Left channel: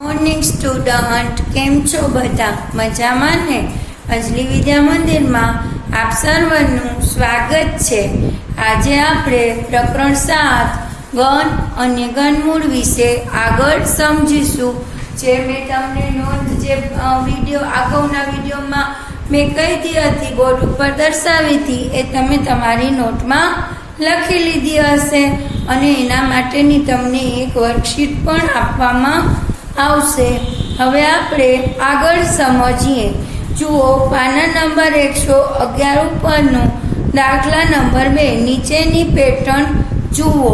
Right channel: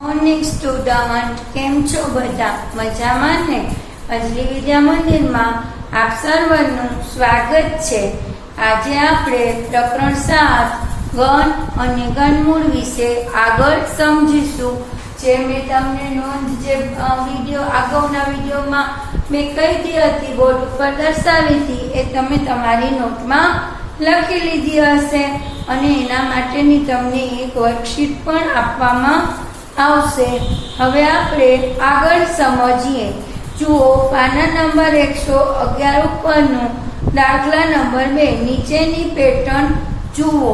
Morning student, કેમ છો બધા? મજામાં ને? અંજલિ વિદ્યા મંદિરમાં આપ સર્વનું સ્વાગત છે. આજે આપણે પ્રકરણ 7 ગણ અને ગણમૂળ વિશે આગળ સમજીશું. જે મેં તમને અગાઉના વિડીયોમાં મેં કહી હતી, બોર્ડ ઉપર દર્શાવી હતી, એ તમે તમારી નોટમાં લખી લીધી હશે અને એના માટેની તમને એક વર્કશીટ પણ આપવામાં આવશે. હવે આપણે આગળ સમજીએ. જુઓ, પાના નંબર 111 ઉપરનો દાખલા નંબર 2. નીચેની પેટર્ન જુઓ.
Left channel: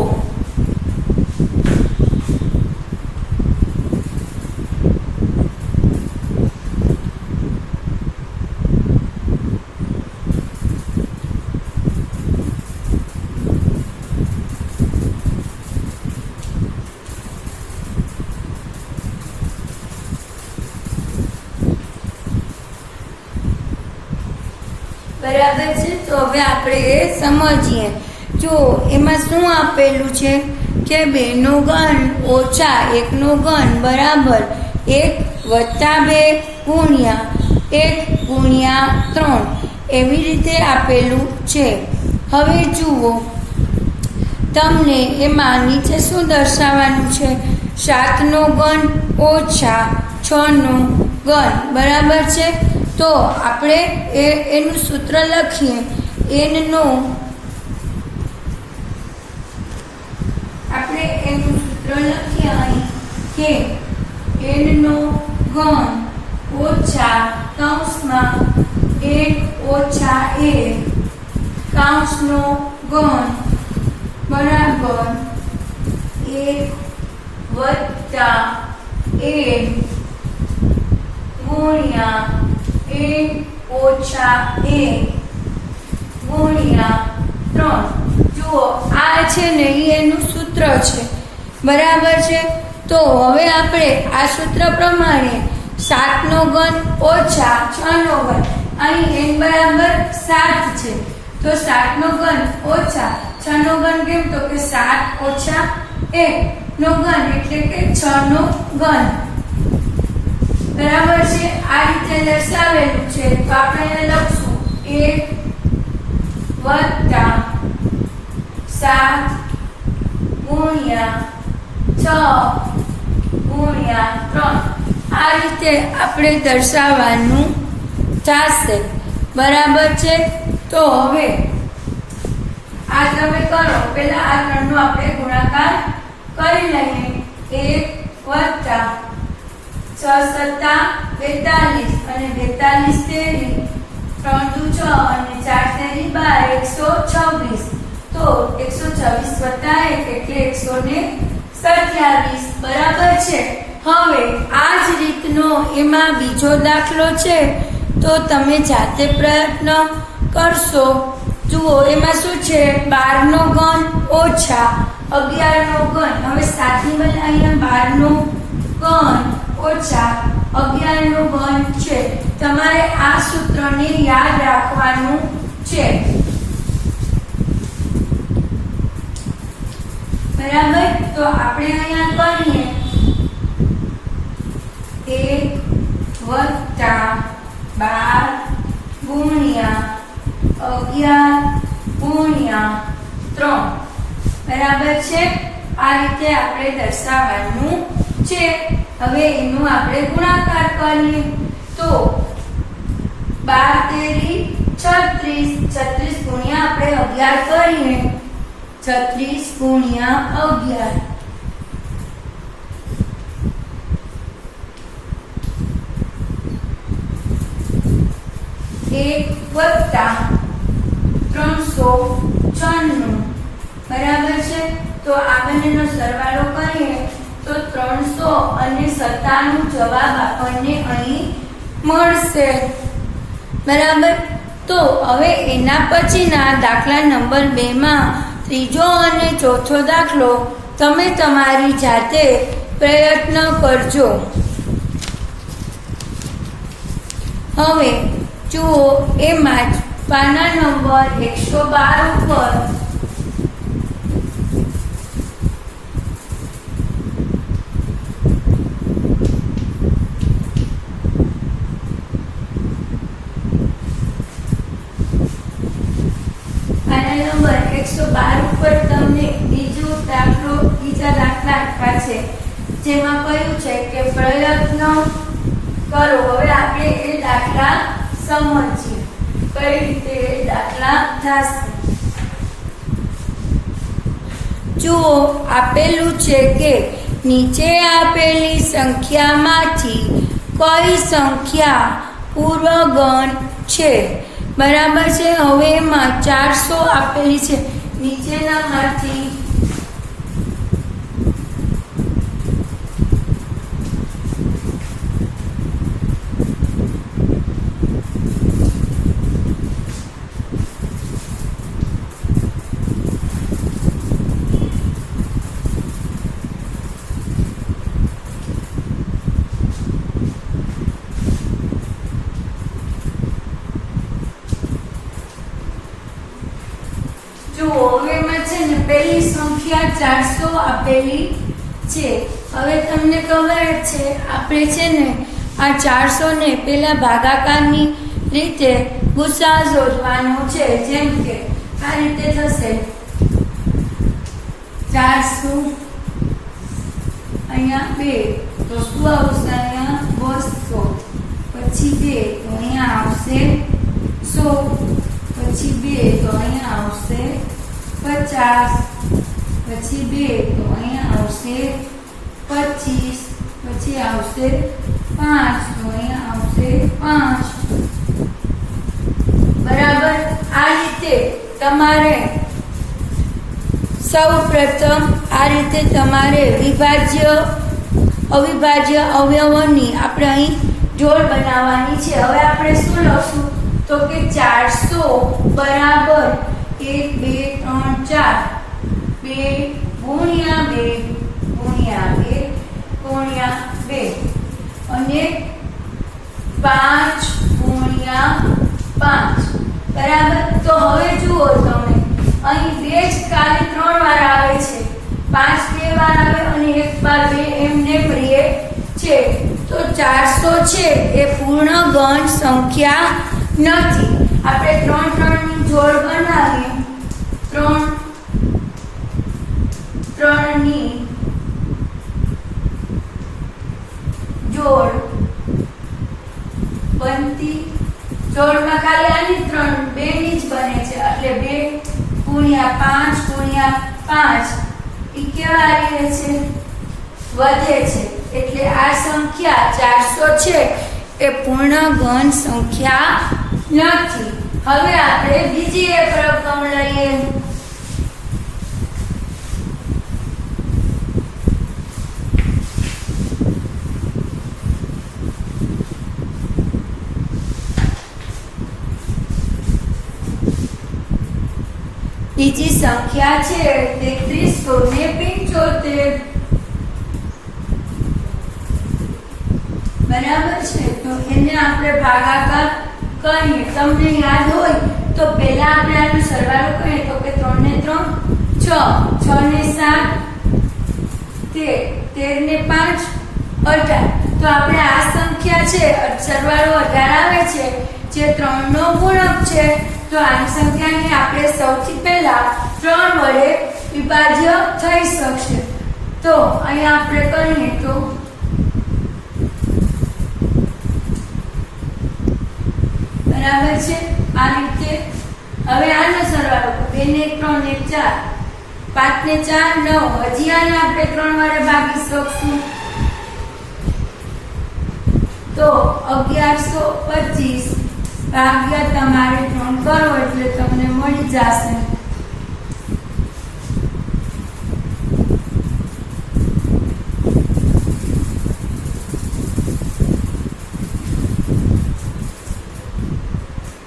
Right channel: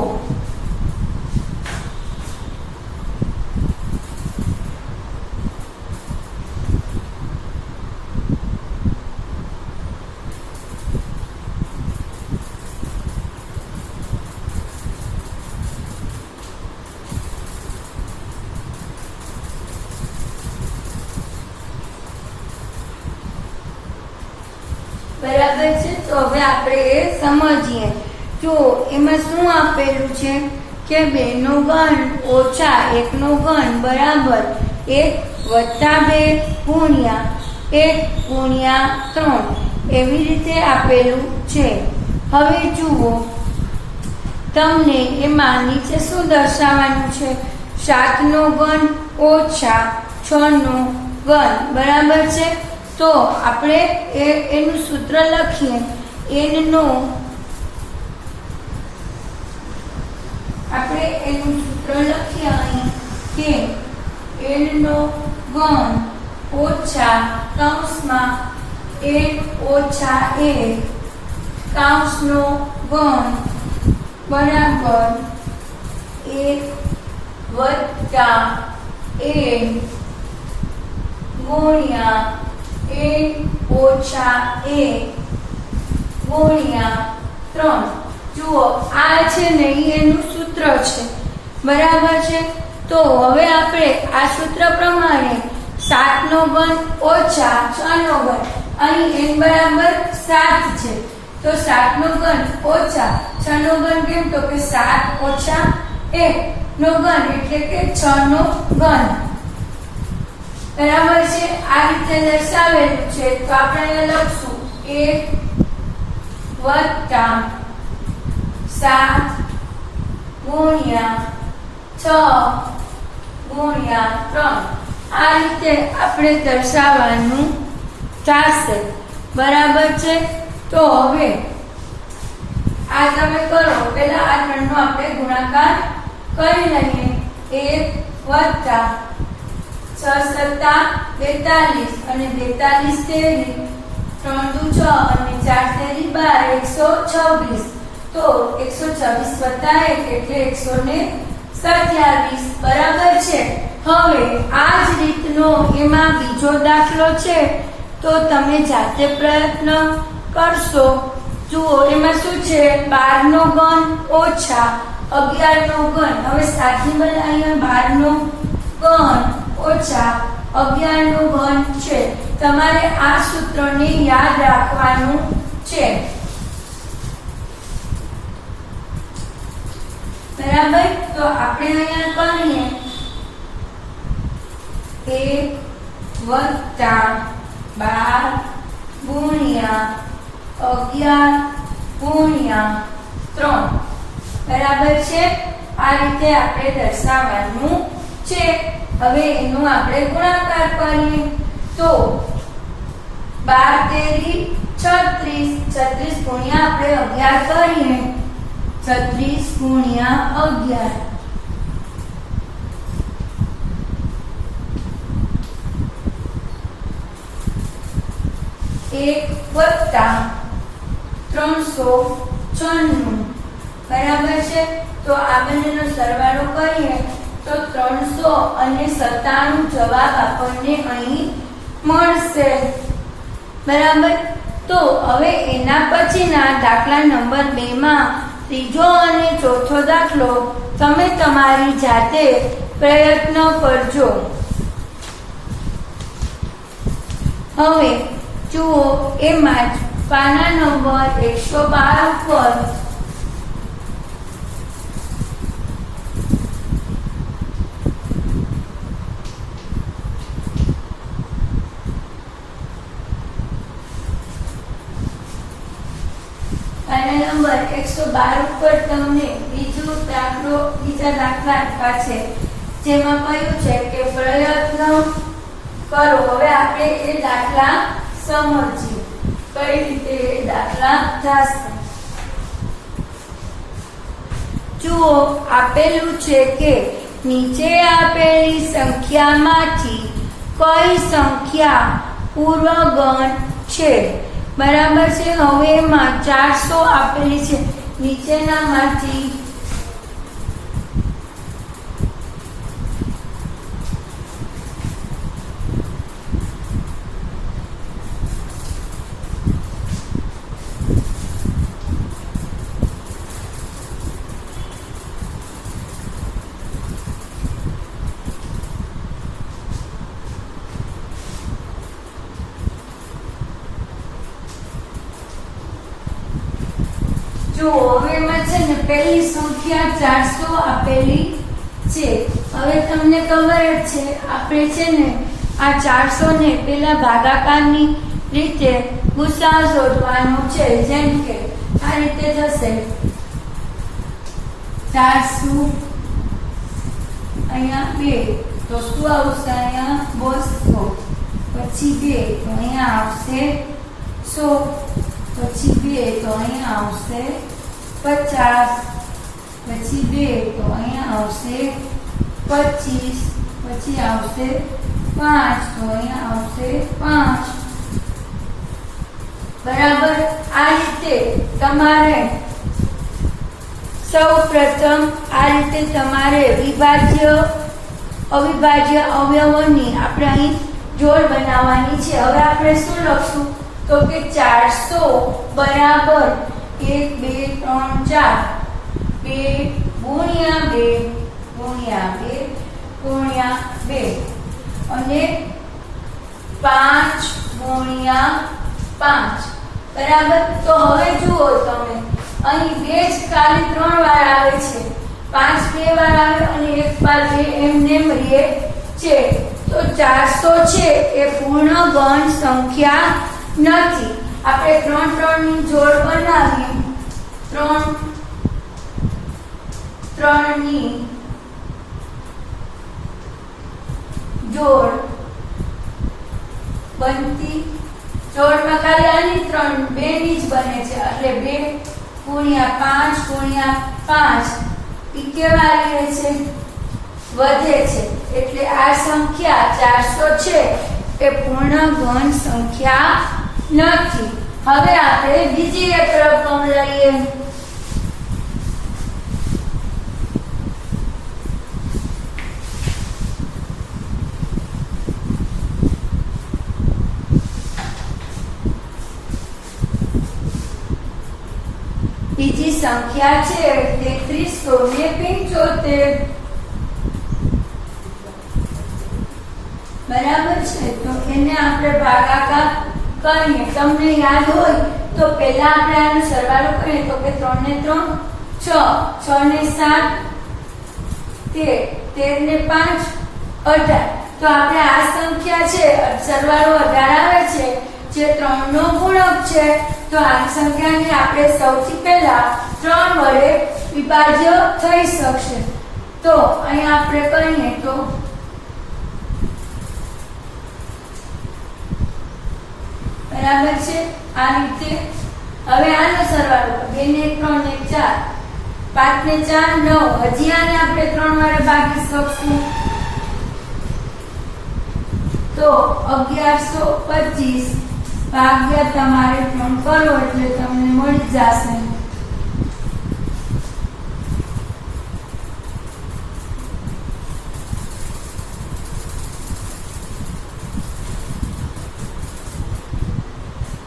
બરાબર છે, તો હવે આપણે એ સમજીએ. જો એમાં શું આપેલું છે કે 2 નો ઘન ઓછા 1 નો ઘન બરાબર 1 વત્તા 2 ગુણ્યા 1 ગુણ્યા 3 એવી રીતે આપેલું છે. હવે જુઓ, તમને એમાં નીચે શું દર્શાવવાનું છે? 7 નો ઘન ઓછા 6 નો ઘન બરાબર છે. તો આપણે એનું સૂત્ર લખીએ. એનું સૂત્ર લખીએ અહીં કે n નો ઘન ઓછા કૌંસમાં 1 ઓછા 1 કૌંસનો ઘન બરાબર 1 વત્તા 1 ગુણ્યા n ઓછા 1 ગુણ્યા 3. જુઓ, આ છે ને એનું સૂત્ર છે, બરાબર છે. તો હવે આપણે આ સૂત્ર પ્રમાણે 7 નો ઘન ઓછા 6 નો ઘન, અહીં n બરાબર 7 છે, તો 7 નો ઘન ઓછા 6 નો ઘન કેમ? તો કે 7 ઓછા 1 નો ઘન એટલે કે 6 નો ઘન બરાબર છે. આ રીતે દર્શાવેલું છે, તો આપણે લખશું 1 વત્તા 7 ગુણ્યા 6 ગુણ્યા 3 આ રીતે આપણે દર્શાવવાનું થશે, બરાબર છે. તો હવે આ તમે કરો, પહેલા આ 3 નો આપણે ગુણાકાર કરી લઈએ. 1 વત્તા 6 સત્તા 42 અને 42 તેરી 3 દુ 6 અને 4 તેરી 12 126. તો 126 વત્તા 1 એટલે 127 બરાબર છે. હવે આ જ રીતનો એમાં બીજો દાખલો છે, તો તમે જાતે પ્રયત્ન કરશો. જુઓ, એમાં શું છે? 12 નો ઘન ઓછા 11 નો ઘન. હવે સાતની બદલે અહીંયા 12 નો ઘન ઓછા 11 નો ઘન છે. તમારે આ સૂત્રને યાદ રાખવાનું છે, બરાબર. તો આપણે અહીંયા કરીએ 1 વત્તા 12 ગુણ્યા 11 ગુણ્યા 3 બરાબર છે. આ રીતે આપણે દર્શાવવાનું છે. હવે એનું આપણે ગુણાકાર કરીએ. તો 12 તેરી 36 ગુણ્યા આપણે 11 કરીએ. 36 ગુણ્યા 11 1 વત્તા 396 બરાબર છે. તો આ બંનેનો સરવાળો કરીએ તો 300 અને 97 જવાબ આપણને અહીં મળશે, બરાબર. તો હવે એના પછીના દાખલા નંબર 2 માં ત્રીજો અને ચોથો દાખલો તમે તમારી જાતે પ્રયત્ન કરજો. હવે જુઓ, એમાં જ પાના નંબર 112 ઉપર 12 ઉપર તમને બીજા દાખલા પાસે જેમાં કહ્યું છે કે પ્રયત્ન કરો. હવે આપણે એ દાખલા સમજીએ કઈ રીતે એ દાખલા થશે. જુઓ, આપેલું છે કે નીચે આપેલી સંખ્યામાંથી કઈ સંખ્યા પૂર્વગણ છે. બરાબર છે. હવે એમાં 400 આપેલી છે. નીચેનામાંથી પહેલી સંખ્યા 400 આપેલી છે. હવે તમને ખબર છે આપણે છે ને આ 400 ને પેલા ભાગાકારની રીતે ગુસા શોધવાનો છે. જેમ કે આ રીતે થશે 400 અહીંયા 2 તો શું આવશે? અહીંયા 200 પછી 2 તો અહીંયા આવશે 100 પછી 2 તો અહીંયા આવશે 50 પછી 2 તો અહીંયા આવશે 25 પછી આવશે 5 તો અહીંયા આવશે 5. બરાબર. આ રીતે તમારે સૌપ્રથમ આ રીતે તમારે અવિભાજ્ય અવયવોની આપણે અહીં જોડ બનાવવાની છે. હવે આપણે શું લખશું તો કે 400 બરાબર 1 2 3 4 2 ગુણ્યા 2 ગુણ્યા 2 ગુણ્યા 2 અને 5 ગુણ્યા 5. બરાબર. તો હવે જુઓ તમે અહીં 2 જ ખાલી 3 વાર આવે છે, 5 2 વાર આવે અને 1 વાર 2 એમને રહે છે. તો 400 છે એ પૂર્ણ ગણ સંખ્યા નથી. આપણે 3 3 ની જોડ બનાવીએ. 3 ની જોડ બનતી જોડમાં ખાલી આની 3 2 ની જ બને છે એટલે 2 ગુણ્યા 5 ગુણ્યા 5 ઈ કેવા રહે છે? વધે છે. એટલે આ સંખ્યા 400 છે એ પૂર્ણ ગણ સંખ્યા નથી. હવે આપણે બીજી એક રકમ લઈએ. બીજી સંખ્યા છે 3375. બરાબર છે. તો એને આપણે ભાગાકાર કરીએ. તમને યાદ હોય તો પહેલા આપણે આનો સરવાળો કરીએ તો કે 3 ને 3 6 6 ને 7 13 ને 5 18. તો આપણે આ સંખ્યા છે સરવાળો 18 આવે છે જે 3 નો ગુણક છે. તો આ સંખ્યાને આપણે સૌથી પહેલા 3 વડે વિભાજ્ય થઈ શકશે. તો અહીંયા આપણે કરીએ તો બરાબર છે. આ રીતે હવે આનો સરવાળો 2 ને 3 ને 4 5 ને 4 9. હજી આને આપણે 3 વડે ભાગી શકશું તો 1125 ભાગ્યા તમારે 3 કરો એટલે તમને મળી જશે.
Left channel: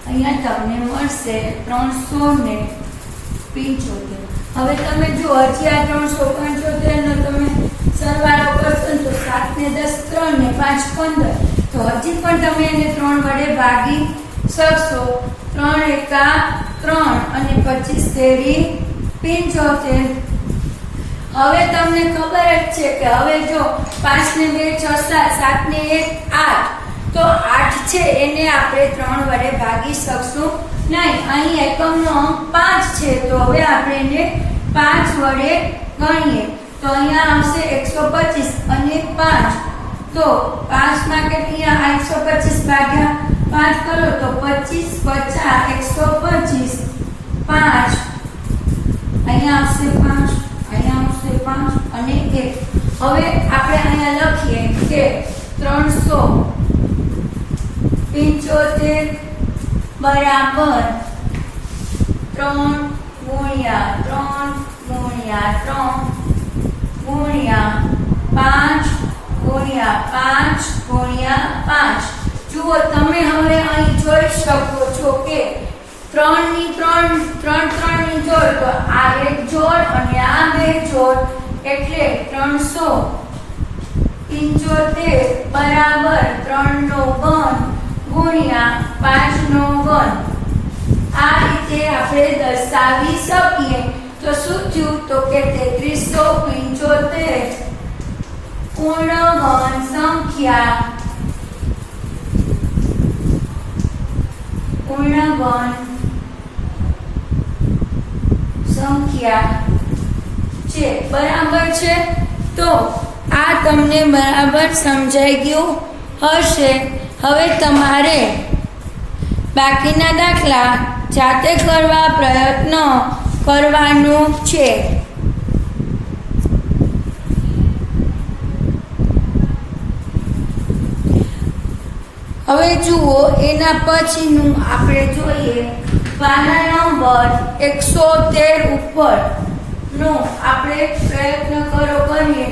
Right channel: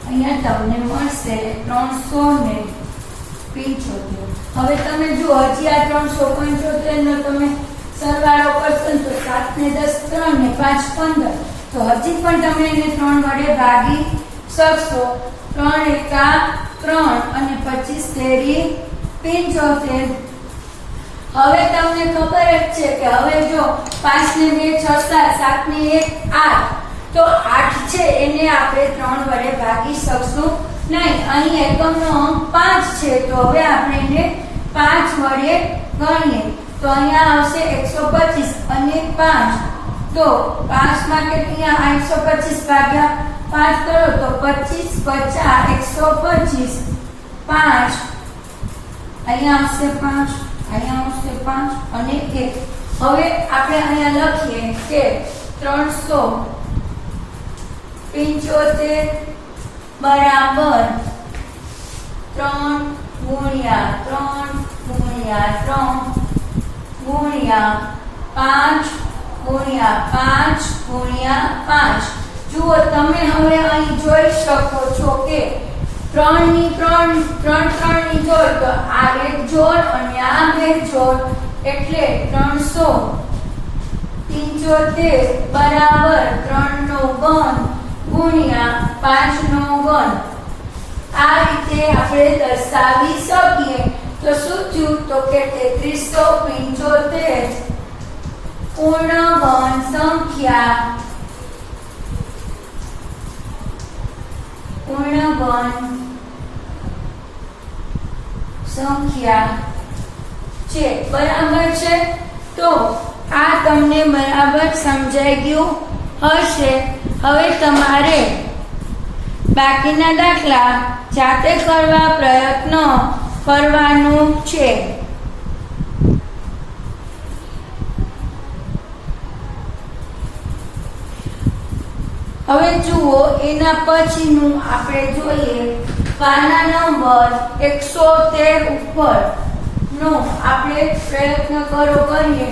અહીંયા તમને મળશે 375. હવે તમે જો હજી આ 375 નો તમે સરવાળો કરશો તો 7 ને 10 3 ને 5 15. તો હજી પણ તમે એને 3 વડે ભાગી શકશો. 3 એકા 3 અને 25 તેરી 75. હવે તમને ખબર જ છે કે હવે જો 5 ને 2 6 7 7 ને 1 8. તો 8 છે એને આપણે 3 વડે ભાગી શકશું નહીં, અહીં એકમનો અંક 5 છે તો હવે આપણે એને 5 વડે ગણીએ તો અહીંયા આવશે 125 અને 5 તો 5 માં કેટલા 125 ભાગ્યા 5 કરો તો 25 50 125 5 અહીંયા આવશે 5 અહીંયા આવશે 5 અને 1 હવે આપણે અહીંયા લખીએ કે 375 બરાબર 3 ગુણ્યા 3 ગુણ્યા 3 ગુણ્યા 5 ગુણ્યા 5 ગુણ્યા 5 જુઓ તમે હવે અહીં જોઈ શકો છો કે 3 ની જોડ તો આ એક જોડ અને આ બે જોડ એટલે 375 બરાબર 3 નો ઘન ગુણ્યા 5 નો ઘન આ રીતે આપણે દર્શાવી શકીએ તો શું થયું તો કે 3375 પૂર્ણ ઘન સંખ્યા છે બરાબર છે તો આ તમને બરાબર સમજાઈ ગયું હશે હવે તમારે બાકીના દાખલા જાતે કરવા પ્રયત્ન કરવાનો છે હવે જુઓ એના પછીનું આપણે જોઈએ પાના નંબર 113 ઉપર નો આપણે પ્રયત્ન કરીએ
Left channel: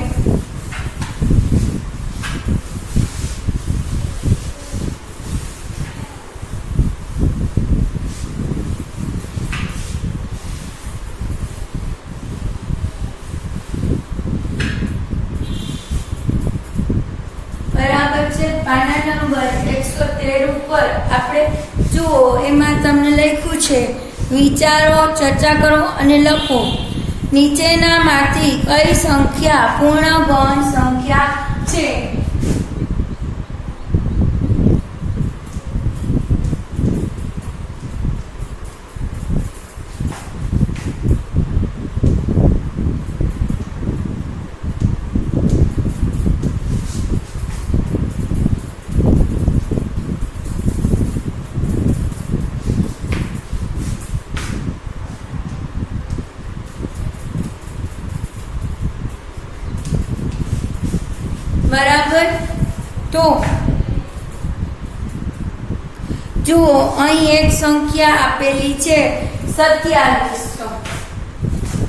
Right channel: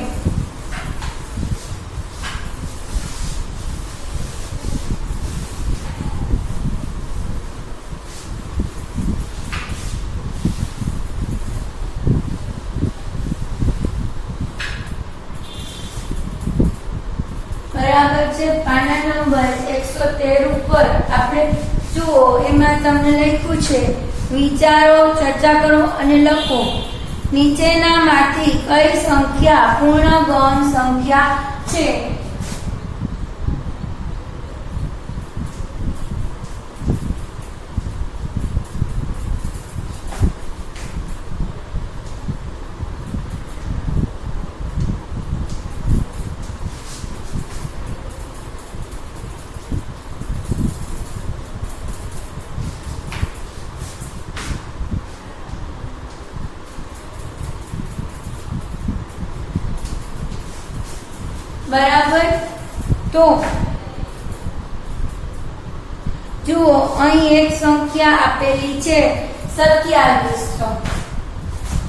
બરાબર છે પાના નંબર 113 ઉપર આપણે જુઓ એમાં તમને લખ્યું છે વિચારો ચર્ચા કરો અને લખો નીચેનામાંથી કઈ સંખ્યા પૂર્ણ ઘન સંખ્યા છે બરાબર તો જુઓ અહીં એક સંખ્યા આપેલી છે 2700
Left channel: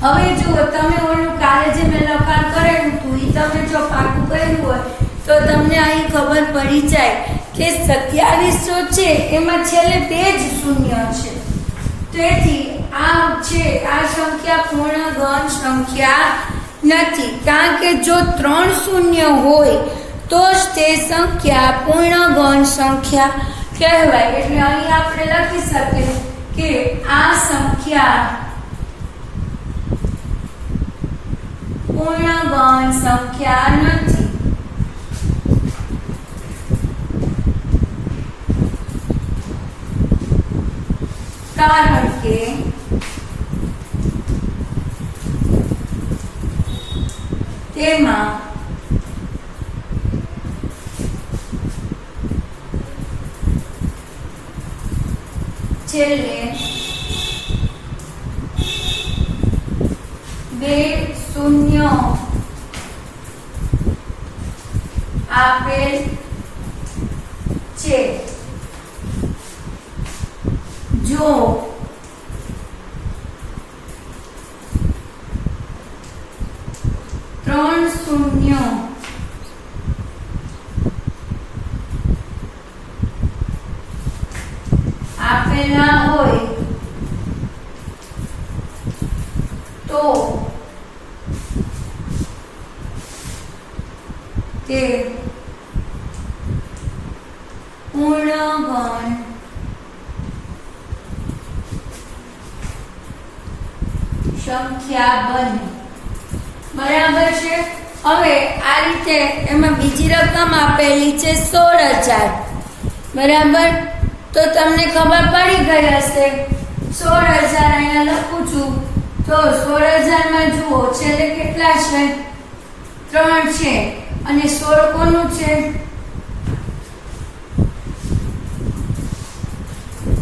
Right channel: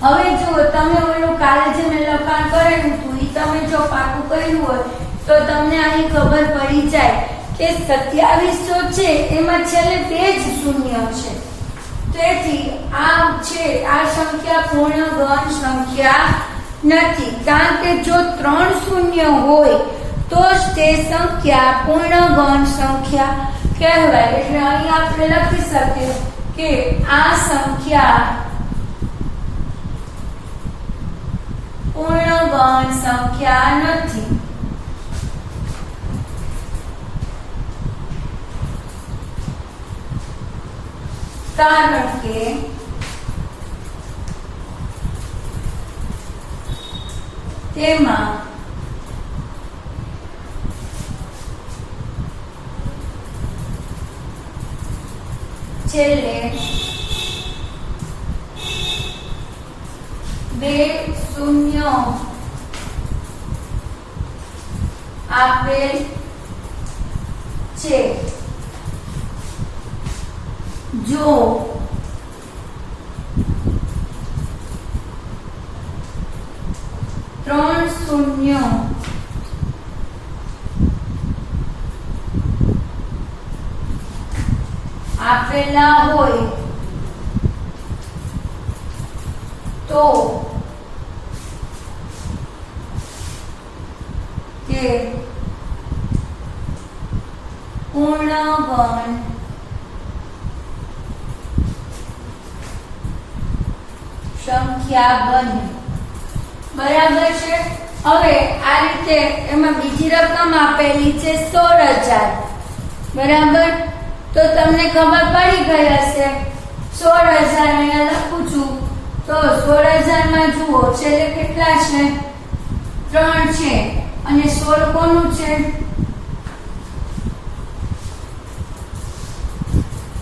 હવે જુઓ તમે ઓલું કાલે જે મેં લખાણ કરેલું હતું એ તમે જો પાકું કર્યું હોય તો તમને અહીં ખબર પડી જાય કે 2700 છે એમાં છેલ્લે 2 જ શૂન્ય છે તેથી આ સંખ્યા પૂર્ણ ઘન સંખ્યા નથી કારણ કે જો 3 શૂન્ય હોય તો જ તે સંખ્યા પૂર્ણ ઘન સંખ્યા કહેવાય એટલે અહીં આપણે લખી શકીએ કે આ સંખ્યા પૂર્ણ ઘન સંખ્યા નથી કારણ કે તેમાં છેલ્લે 2 શૂન્ય આપેલ છે જો 3 શૂન્ય આપેલા હોય તો તે પૂર્ણ ઘન સંખ્યા બને બરાબર છે હવે આ રીતે એમાં બીજી રકમ આપેલી છે 16000 બરાબર તો તમને ખબર પડી ગઈ હશે 16,000 અહીંયા લખું છું તો 16,000 માં જુઓ છેલ્લે કેટલા છે 3 છે અને 16 કોનું છે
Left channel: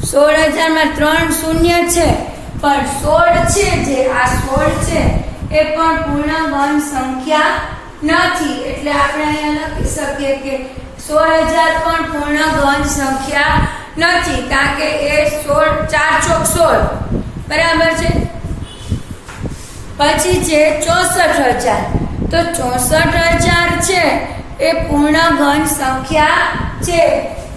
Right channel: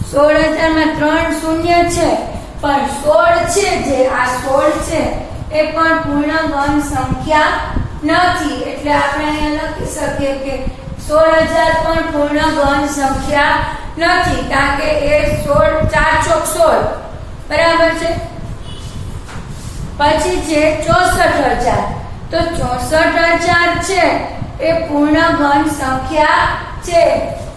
16,000 માં 3 શૂન્ય છે પણ 16 છે જે આ 16 છે એ પણ પૂર્ણગણ સંખ્યા નથી એટલે આપણે અહીંયા લખી શકીએ કે 16,000 પણ પૂર્ણગણ સંખ્યા નથી કારણ કે એ 16 4 ચોક 16 બરાબર છે પછી છે 64,000 તો 64,000 છે એ પૂર્ણગણ સંખ્યા છે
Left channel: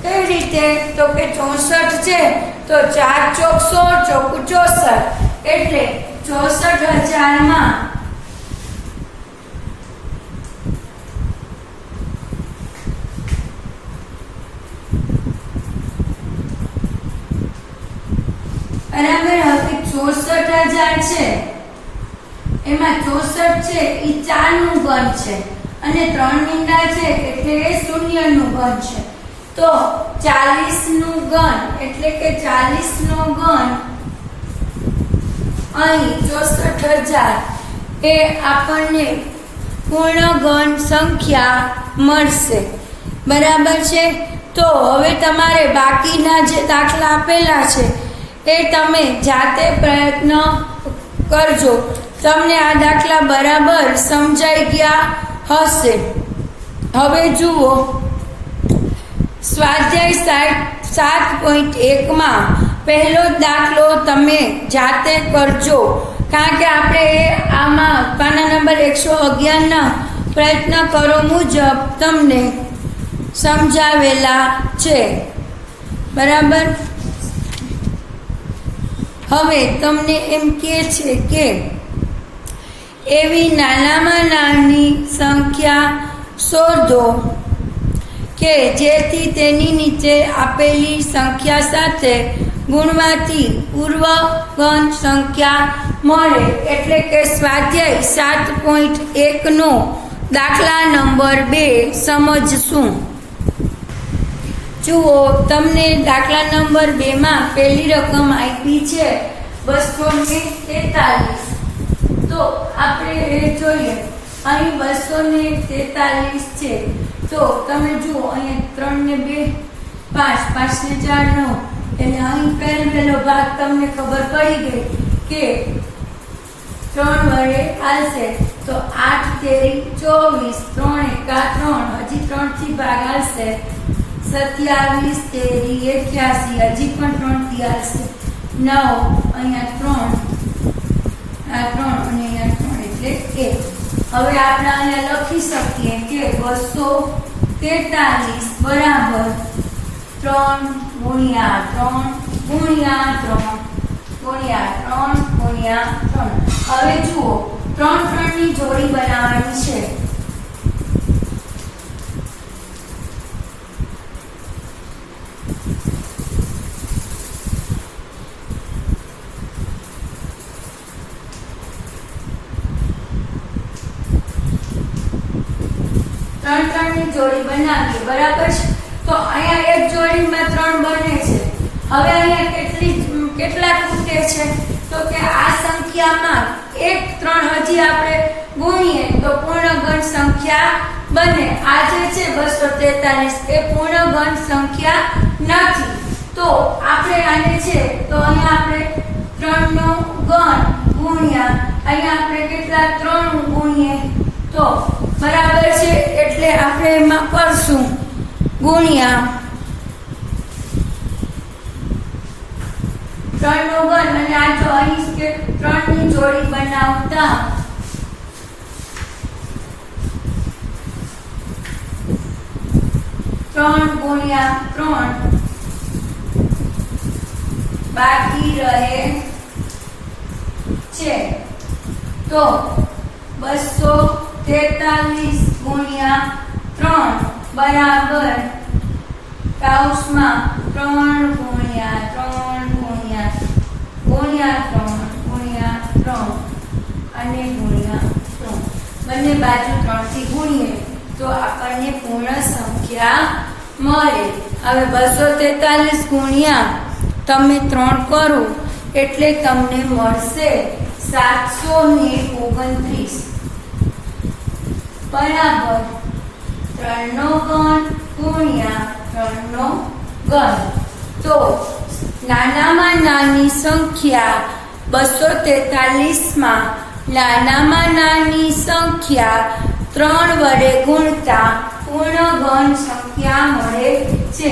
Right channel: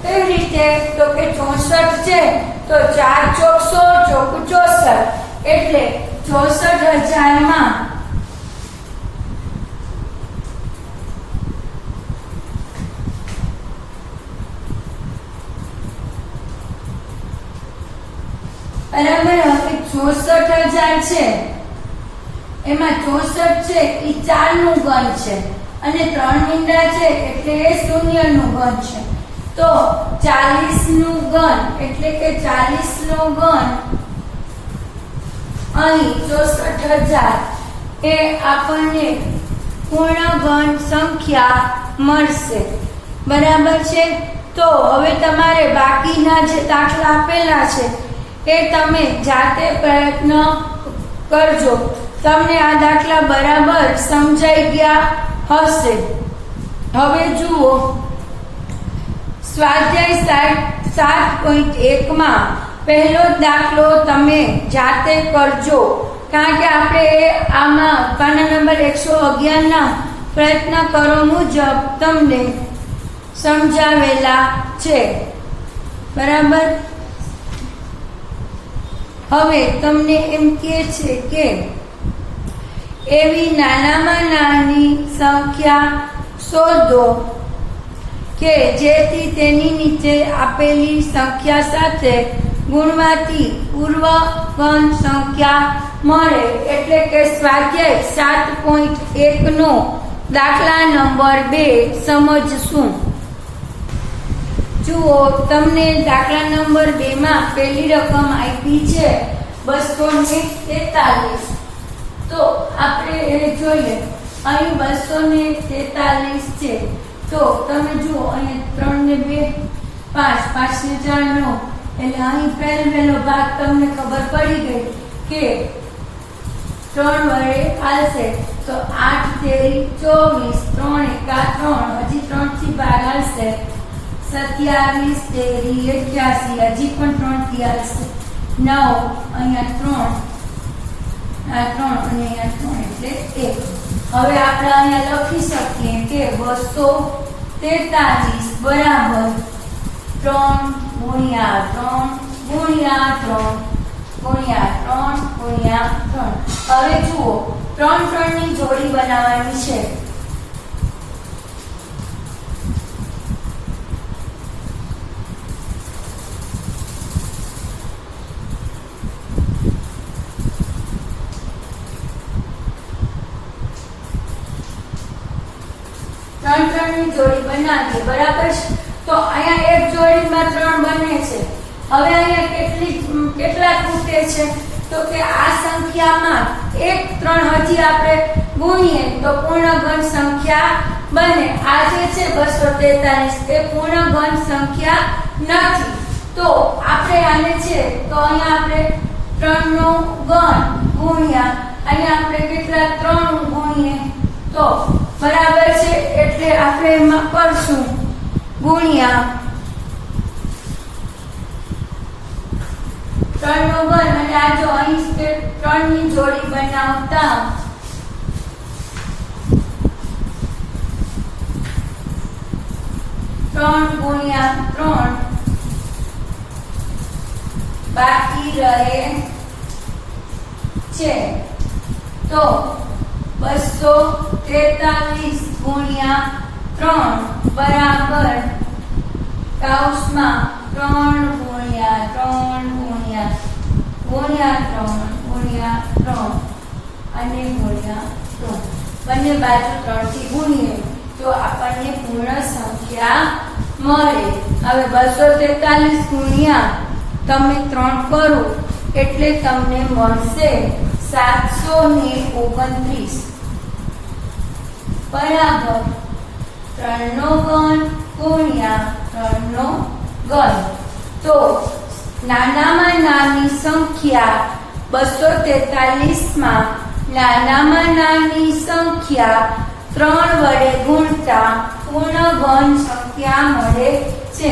કઈ રીતે તો કે 64 છે તો 4 ચોક 16 ચોકુ 64 એટલે 64,000 માં બરાબર હવે 64,000 છે એમાં 64 છે એ 4 નું ઘન છે અને 3 મીંડા છે એટલે એ 0 નું ઘન છે તો 40 નું ઘન એટલે કે 40 નો ઘન અહીં 64,000 એ આપણને પૂર્ણગણ સંખ્યા મળશે બરાબર છે તો હવે તમારે બાકીના જે દાખલા આપેલા છે એ તમે જાતે પ્રયત્ન કરજો તમને આ દાખલા બરાબર સમજાઈ ગયા હશે હવે જુઓ સ્વાધ્યાય 7.1 માં પહેલો દાખલો તમે જાતે કરજો કારણ કે આપણે આમાં પાના નંબર 111 ના પ્રયત્ન કરો મુજબ તમને સમજાવેલા છે બરાબર હવે તમને એમ કહે છે કે એવી નાનામાં નાની સંખ્યા શોધો કે જેથી તેની નીચે આપેલી સંખ્યા સાથે ગુણવાથી પૂર્વગણ સંખ્યા મળે એટલે કે સ્વાધ્યાય 7.1 નો દાખલા નંબર 2 સમજશું જુઓ તમને દાખલા નંબર 2 માં પહેલી રકમ આપી છે 243 તો આપણે એ જોઈએ અહીં 243 છે તો તમે જુઓ અહીં 3 ને 2 5 5 ને 4 9 એટલે અહીં પહેલો ભાગ તમને ખબર પડી ગઈ કે 3 વડે હાલશે તો 8 તેરી 24 3 1 3 હજી 3 થી ભાગ હાલશે 27 તેરી 81 હજી પણ 3 થી હાલશે 9 અહીંયા 3 આ 3 અને અહીંયા 3 એટલે 1 હવે આપણે અહીંયા લખી શકીએ કે 243 બરાબર 3 ગુણ્યા 3 ગુણ્યા 3 ગુણ્યા 3 ગુણ્યા 3 હવે જુઓ 3 3 ની જોડી બનાવવાની છે ની જોડી બનાવીએ બરાબર છે તો અહીંયા એક જોડીમાં 3 બને છે હવે અહીંયા કેટલા ખૂટે છે તો કે આ સંખ્યામાં એક 3 હજી આપણે ગુણીએ તો પૂર્ણગણ સંખ્યા બને આ જે છે 243 એ પૂર્ણગણ સંખ્યા નથી તો આપણે આને છે તો અહીંયા આપણે 3 નો ગણ ગુણ્યા અહીંયા આપણે કેટલા 3 ગુણીએ તો બરાબર છે એટલે આપણે એમાં કરશું ગુણ્યા 3 નો ઘન અને આ જો અહીં 3 ની જોડી બનાવતા 3 ગુણ્યા 3 બાકી રહે છે તો 243 ગુણ્યા 3 બરાબર કૌંસમાં 3 ગુણ્યા 3 ગુણ્યા 3 અને ગુણ્યા 3 બંને બાજુ 3 થી ગુણીએ તો આપણને પૂર્ણ સંખ્યા મળે હવે 243 ગુણ્યા તમે 3 કરો એટલે તમને મળશે 729 બરાબર 3 નો ઘન ગુણ્યા 3 નો ઘન. તો નાનામાં નાની સંખ્યા 243 માં નાનામાં નાની સંખ્યા 3 વડે ગુણતા પૂર્ણ ઘન સંખ્યા મળે છે.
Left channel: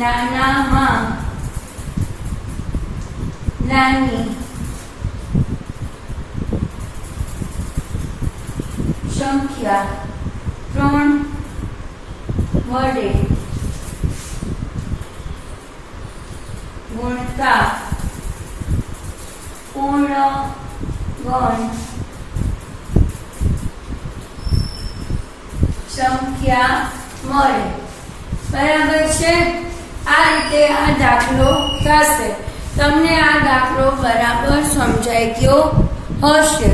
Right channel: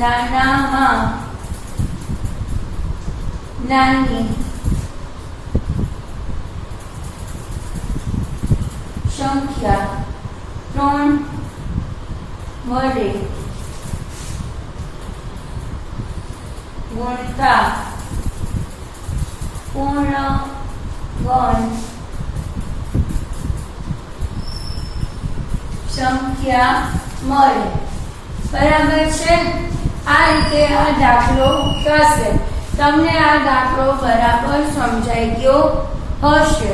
નાનામાં નાની સંખ્યા 3 વડે ગુણતા પૂર્ણ ઘન સંખ્યા મળે. બરાબર છે. આ રીતે આ દાખલો થશે. તમને આ દાખલો બરાબર સમજાઈ ગયો હશે.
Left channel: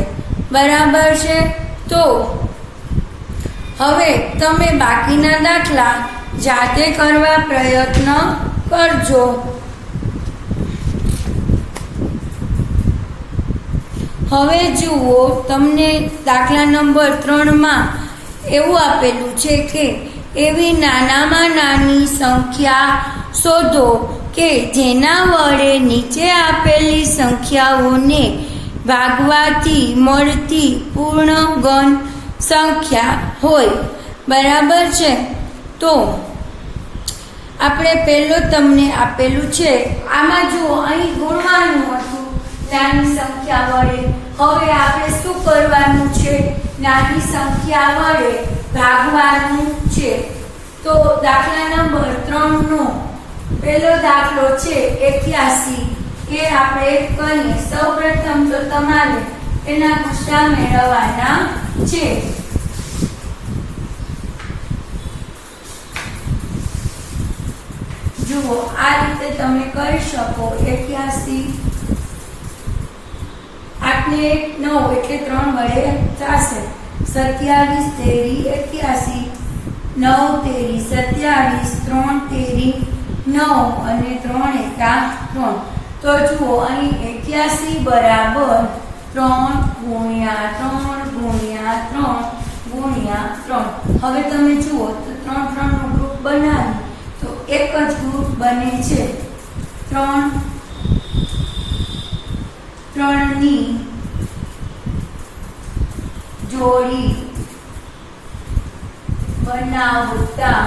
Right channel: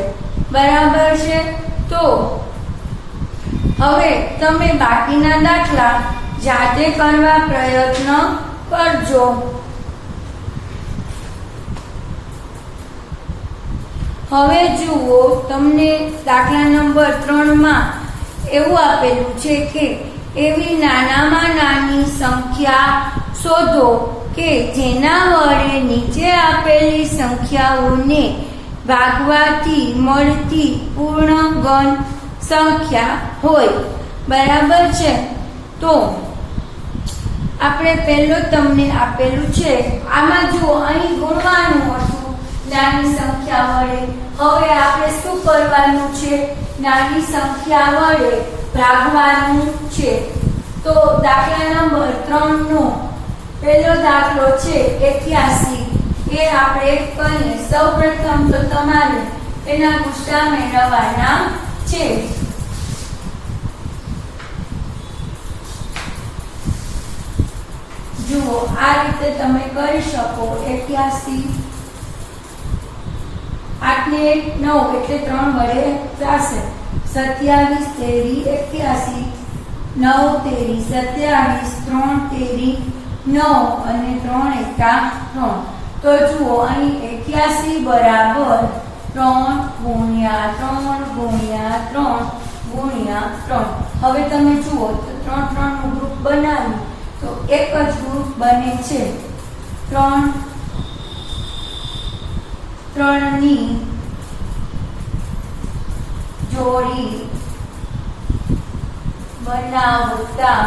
બરાબર છે. તો હવે તમે બાકીના દાખલા જાતે કરવા પ્રયત્ન કરજો. હવે જુઓ, તમને દાખલા નંબર 3 માં એવું આપેલું છે કે એવી નાનામાં નાની સંખ્યા શોધો કે જેના વડે નીચે આપેલી સંખ્યાઓને ભાગવાથી મળતી પૂર્ણ ઘન સંખ્યા હોય. બરાબર છે. તો આપણે પહેલો તમને આપેલું છે, આમાં જુઓ, અહીં ગુણવાનું હતું નાની સંખ્યા વડે. હવે આપણે શું કરવાનું છે? નાની સંખ્યા વડે ભાગવાનું છે. તો દાખલા નંબર 3 નો પહેલો દાખલો છે 81. એ આપણે કહીએ. સૌપ્રથમ તો તમારે એના ગુસ્સા મેળવવાના છે. જુઓ, આ રીતે તમે કરી શકો. 81 8 ને 9 એટલે 3 વડે ચાલશે. 27 તેરી 81, 9 તેરી 27, 3 તેરી 9 અને 3 એકા 3. તો જુઓ, અહીં 81 બરાબર 3 ગુણ્યા 3 ગુણ્યા 3 ગુણ્યા 3. હવે તમે જુઓ તો 3 3 નો ગ્રુપ બનાવી તો એક જ ગ્રુપ બને છે. 3 ની જોડી બનાવતા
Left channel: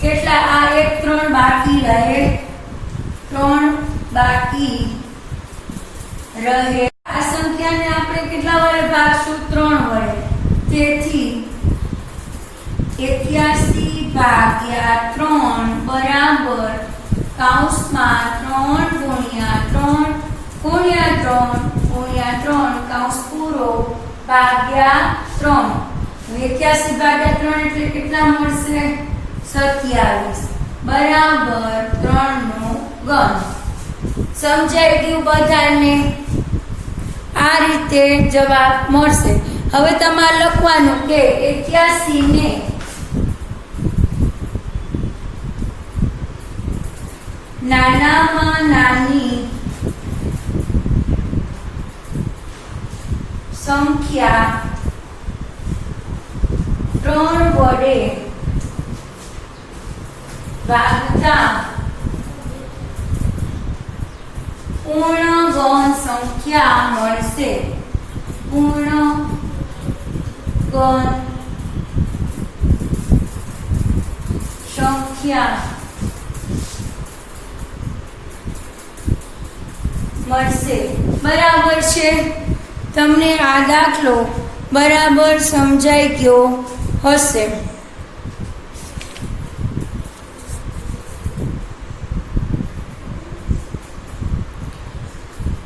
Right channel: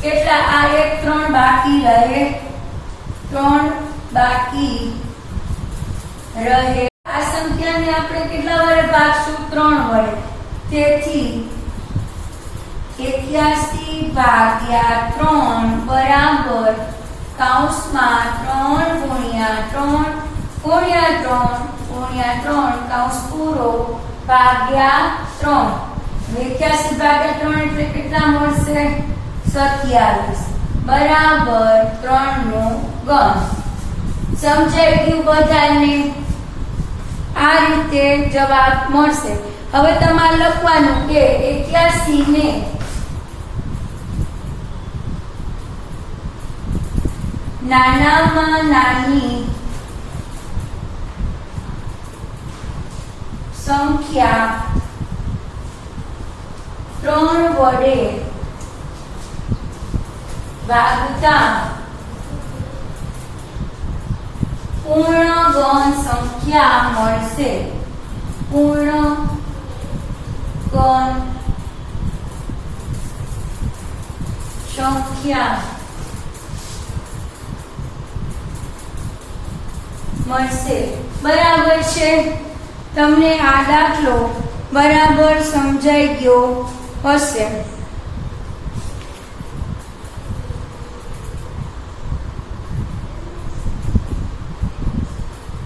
કેટલા? આ એક 3 બાકી રહે. 3 બાકી રહે. આ સંખ્યાને આપણે કેટલા વડે ભાગશું? 3 વડે. તેથી 81 ભાગ્યા 3 બરાબર કૌંસમાં 3 ગુણ્યા 3 ગુણ્યા 3 ગુણ્યા 3 કૌંસ પૂરો ભાગ્યા 3. 81 ભાગ્યા 3 એટલે કેટલા મળશે? 27 બરાબર 3 નો ઘન. સમજાઈ ગયું બધાને? આ રીતે જવાબ મળશે. હવે તમારે લખવાનું કે 81 ને નાનામાં નાની સંખ્યા 3 વડે ભાગતા પૂર્ણ ઘન સંખ્યા મળશે. પૂર્ણ ઘન સંખ્યા મળશે. બરાબર છે. તમને આ દાખલો બરાબર સમજાઈ ગયો હશે.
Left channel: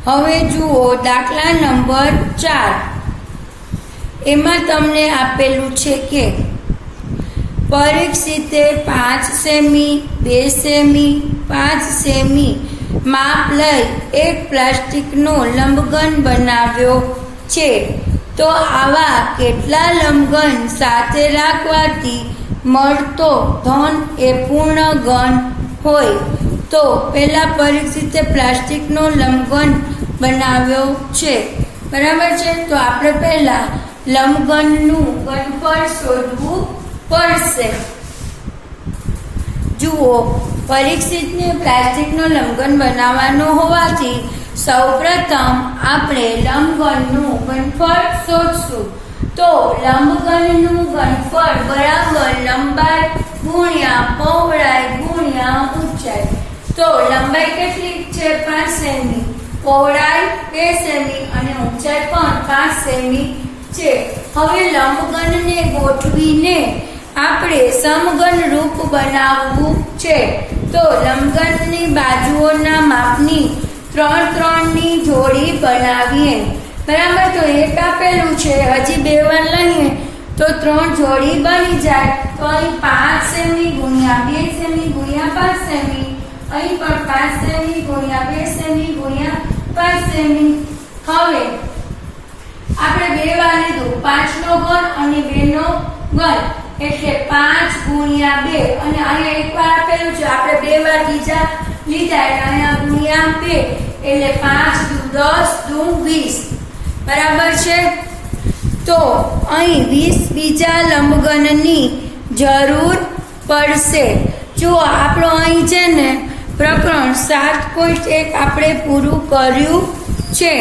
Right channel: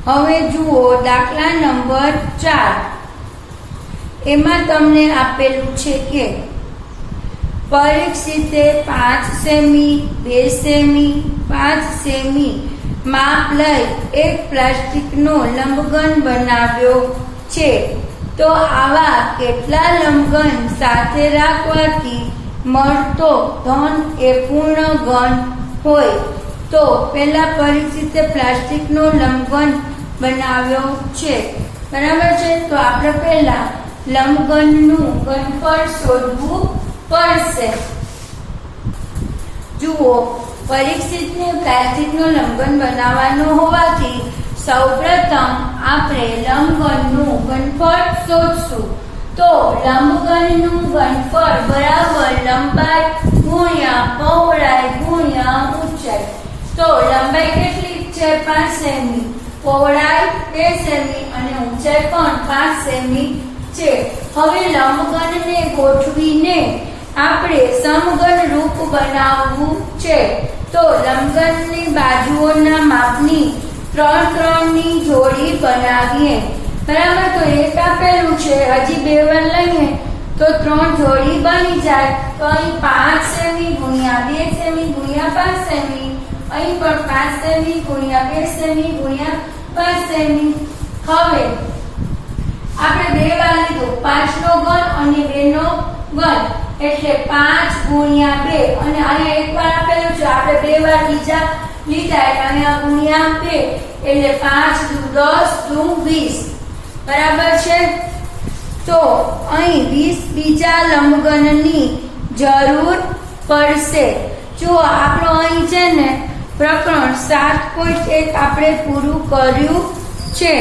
હવે જુઓ દાખલા નંબર 4. એમાં તમને આપેલું છે કે પરીક્ષિતે 5 સેમી 2 સેમી 5 સેમી માપ લઈ એક પ્લાસ્ટિકનો લંબઘન બનાવ્યો છે. તો આવા કેટલા લંબઘન સાથે રાખવાથી મળતો ધન એ પૂર્ણ ઘન હોય તો પહેલા પરીક્ષિતે પ્લાસ્ટિકનો લંબઘન બનાવ્યો છે, બરાબર છે. તો આપણે પહેલા લંબઘનનું ઘનફળ શોધવું પડશે. જુઓ, પરીક્ષિતને પ્લાસ્ટિકનો લંબઘન બનાવવાનો હોવાથી સૌપ્રથમ આપણે લંબઘનનું ઘનફળ શોધશું. તો લંબઘનનું ઘનફળ બરાબર લંબાઈ ગુણ્યા પહોળાઈ ગુણ્યા ઊંચાઈ. તો લંબાઈ કેટલી છે? 5 સેમી, પહોળાઈ 2 સેમી અને ઊંચાઈ પણ 5 સેમી છે. હવે લંબઘનને ગોઠવીને આપણે સમઘન રૂપ બનાવવું છે. તો લંબઘનની બાજુઓના માપની 3 ની જોડી બનાવીએ, બરાબર. તો એક આપેલું છે, હજી 2 વાર લઈએ તો 3 જોડી બની જાય. તો અહીં 5 સેમી ગુણ્યા 2 સેમી ગુણ્યા 5 સેમી, અહીં પણ 5 સેમી ગુણ્યા 2 સેમી ગુણ્યા 5 સેમી. હવે આપણે 2 વાર લીધું, 5 નો ઘન અને 2 નો ઘન એટલે 5 ગુણ્યા 2 અને અહીંયા એક વાર આપેલું છે, આપણે 2 વાર બીજા લીધા એટલે અહીંયા ગુણ્યા 2 એટલે 5 દુ 10 દુ 20, બરાબર છે. તો અહીં 20 બીજા લંબઘનની જરૂર પડશે. જો આપણો અહીં છે ને પ્રકરણ 7.1 આપણે પૂરું કર્યું છે.